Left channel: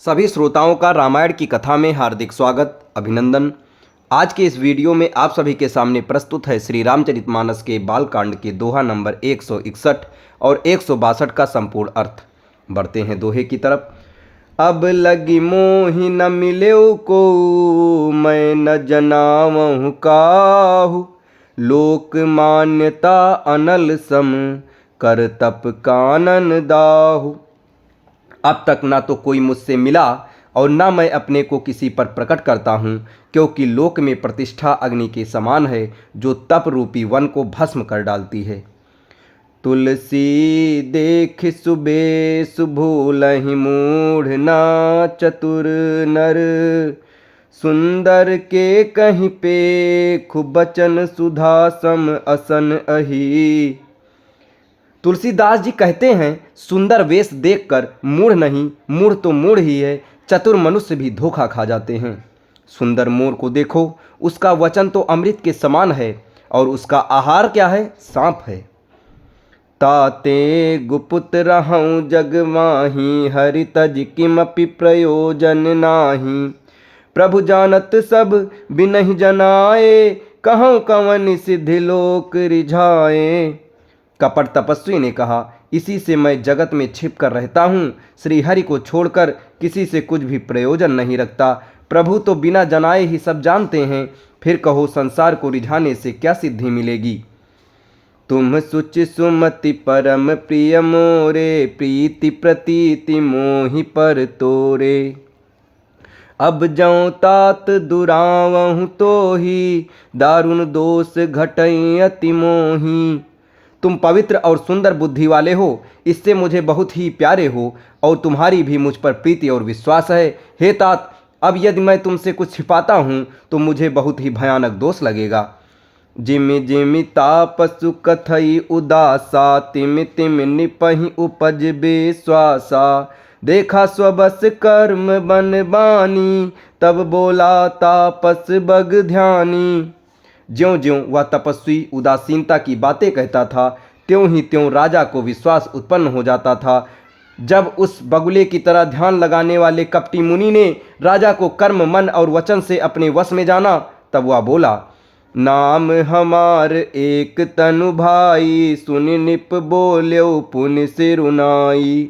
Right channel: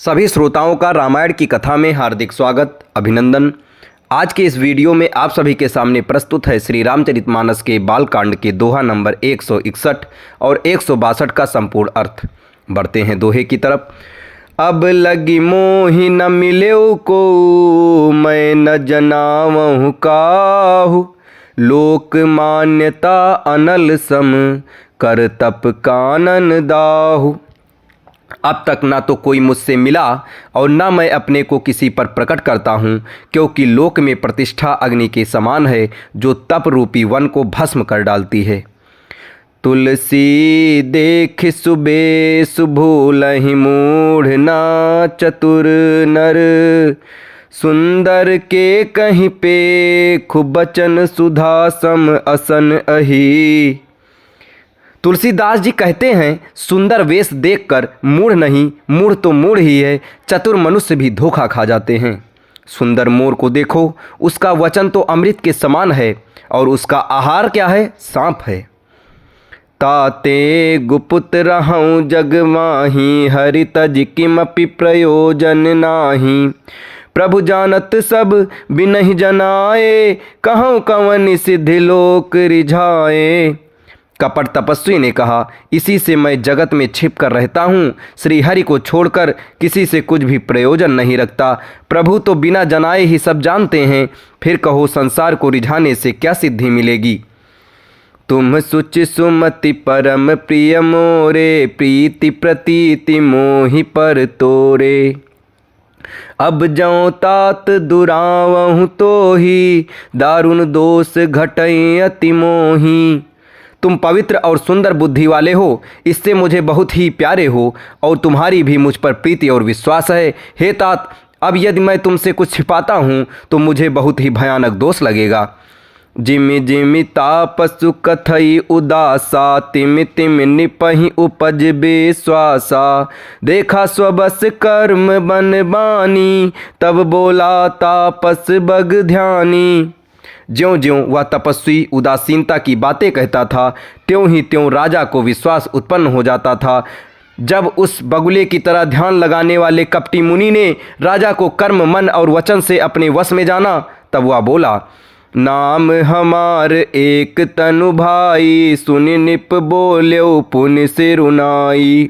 सभी श्रोताओं का रामायण की कथा में हार्दिक स्वागत अभिनंदन। आज के इस वीडियो में आप सभी के सामने प्रस्तुत है श्री रामचरितमानस के बालकांड के दोहा नंबर 161 और 162 का संपूर्ण अर्थ। बढ़ते हैं दोहे की तरफ। अब लगी मोहि न मिल्यो को, मैं न जनावहु काहू, लोक मान्यता अनल सम, कर तप कानन दाहू। अब तक ना तो कोई मुझसे मिला और ना मैं अपने को किसी पर प्रकट करता हूँ, क्योंकि लोक में प्रतिष्ठा अग्नि के समान है जो तप रूपी वन को भस्म कर डालती है। तुलसी देख सुबेश भूलहि मूढ़, ना चतुर नर, सुंदर के कहीं पे खूब बचन सुधा सम असन अही। तुलसीदास जी कहते हैं, सुंदर वेश देखकर मूढ़ नहीं, मूढ़ तो मूढ़ ही है, चतुर मनुष्य भी धोखा खा जाते हैं। सुंदर मोर को देखो, उसका वचन तो अमृत के समान है और उसका आहार क्या है? सांप है। ताते गुपुत रहूं जग माही, हरि तज किमपि प्रयोजन नाही। प्रभु जानत सब बिनहि जनाए, कहूँ कवन सिद्धि लोक रिझाए। कपट तपस्वी ने कहा, इसी से मैं जगत में छिप कर रहता हूँ, श्री हरि को छोड़कर किसी से कुछ भी प्रयोजन नहीं रखता। प्रभु तो बिना जनाए ही सब जानते हैं, फिर कहो संसार को रिझाने से क्या सिद्धि मिलेगी। तुम सुचि सुमति परम प्रिय मोरे, प्रीति प्रतीति मोहि पर तोरे। अब जौ तात दुरावहु तो ही, दारुण दोष घटई अति मोही। तुम पवित्र और सुंदर बुद्धि वाले हो, इससे मुझे बहुत ही प्यारे हो और तुम्हारी भी मुझ पर प्रीति और विश्वास है। हे तात, अब यदि मैं तुमसे कुछ छिपाता हूँ तो मुझे बहुत ही भयानक दोष लगेगा। जिमि जिमि तापसु कथई उदासा, तिमि तिमि निपहि उपज बेश्वासा। देखा स्वबस कर्म बन बानी, तब बोला तापस बग ध्यानी। ज्यों ज्यों वह तपस्वी उदासीनता की बातें कहता था, त्यों ही त्यों राजा को विश्वास उत्पन्न हो जाता था। जब उस बगुले की तरह ध्यान लगाने वाले कपटी मुनि ने राजा को कर्म मन और वचन से अपने वश में जाना, तब वह बोला, नाम हमार एक तनु भाई, सुनि निप बोल्यो पुनि सिरुनाई।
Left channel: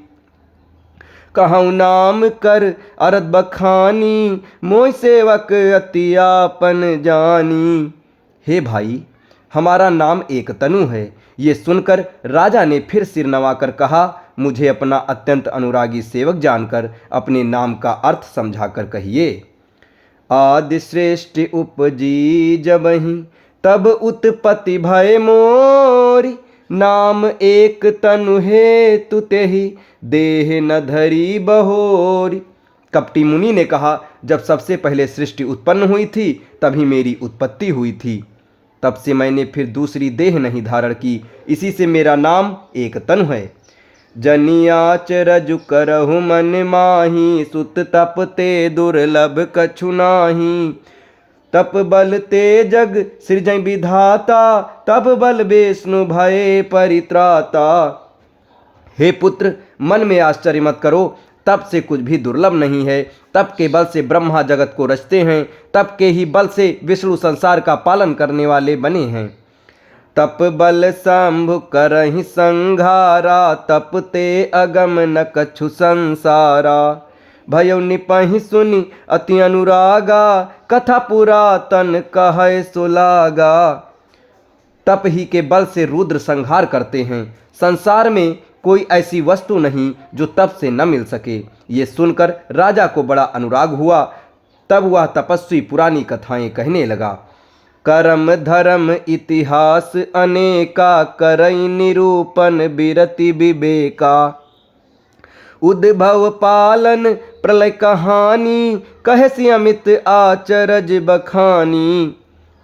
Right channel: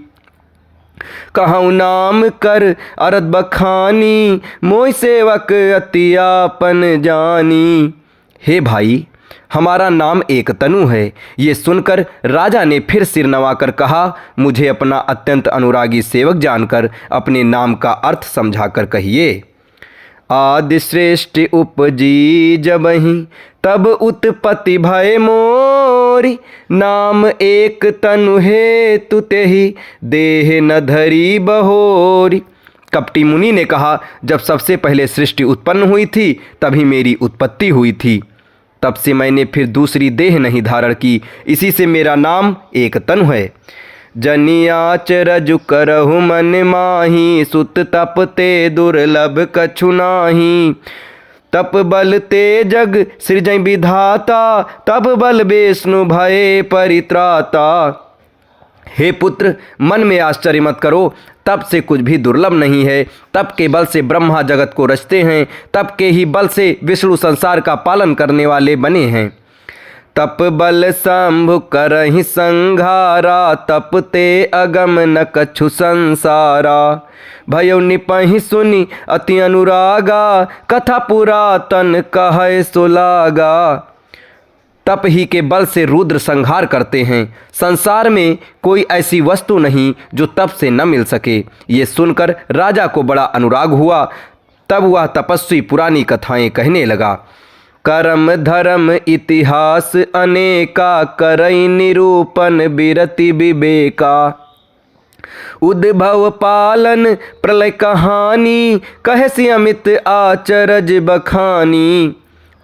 कहूँ नाम कर अरद बखानी, मोहि सेवक अति आपन जानी। हे भाई, हमारा नाम एक तनु है। ये सुनकर राजा ने फिर सिर नवाकर कहा, मुझे अपना अत्यंत अनुरागी सेवक जानकर अपने नाम का अर्थ समझाकर कहिए। आदि श्रेष्ठ उपजी जबहि, तब उत्पत्ति भय मोरी। नाम एक तनु हेतु तेहि, देह न धरी बहोरी। कपटी मुनि ने कहा, जब सबसे पहले सृष्टि उत्पन्न हुई थी तभी मेरी उत्पत्ति हुई थी, तब से मैंने फिर दूसरी देह नहीं धारण की, इसी से मेरा नाम एक तनु है। जनियाच रजु करहु मन माही, सुत तप ते दुर्लभ कछु नाही। तप बल ते जग सृजै विधाता, तब बल विष्णु भय परित्राता। हे पुत्र, मन में आश्चर्य मत करो, तप से कुछ भी दुर्लभ नहीं है। तप के बल से ब्रह्मा जगत को रचते हैं, तप के ही बल से विष्णु संसार का पालन करने वाले बने हैं। तप बल शंभु करहि संघारा, तप ते अगम न कछु संसारा। भयो निपहि सुनि अति अनुरागा, कथा पुरातन कहै सुलागा। तप ही के बल से रुद्र संहार करते हैं। संसार में कोई ऐसी वस्तु नहीं जो तप से न मिल सके। ये सुनकर राजा को बड़ा अनुराग हुआ। तब वह तपस्वी पुरानी कथाएं कहने लगा। कर्म धर्म इतिहास अनेका, करई निरूपण बिरति विवेका। उद्भव पालन प्रलय कहानी, कहसी अमित आचरज बखानी।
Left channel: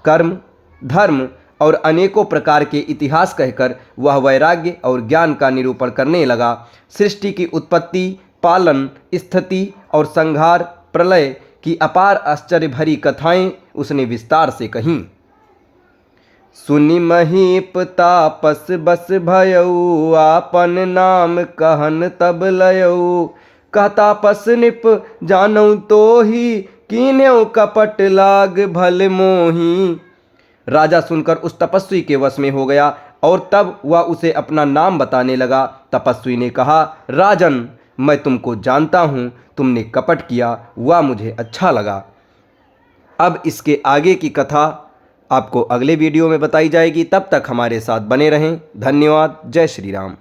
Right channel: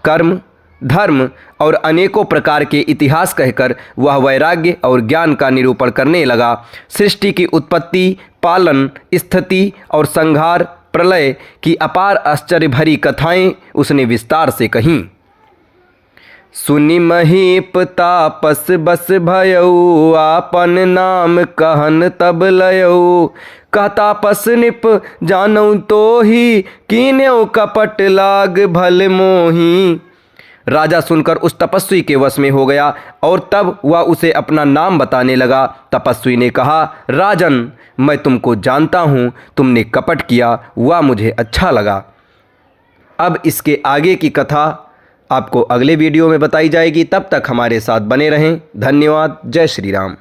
कर्म धर्म और अनेकों प्रकार के इतिहास कहकर वह वैराग्य और ज्ञान का निरूपण करने लगा। सृष्टि की उत्पत्ति, पालन, स्थिति और संहार, प्रलय की अपार आश्चर्य भरी कथाएं उसने विस्तार से कहीं। सुनि महीप तापस बस भयऊ, आपन नाम कहन तब लयऊ। कहता पस निप जानऊ तो ही, कीन्यो कपट लाग भल मोही। राजा सुनकर उस तपस्वी के वश में हो गया और तब वह उसे अपना नाम बताने लगा। तपस्वी ने कहा, राजन, मैं तुमको जानता हूँ, तुमने कपट किया, वह मुझे अच्छा लगा। अब इसके आगे की कथा आपको अगले वीडियो में बताई जाएगी। तब तक हमारे साथ बने रहें। धन्यवाद। जय श्री राम।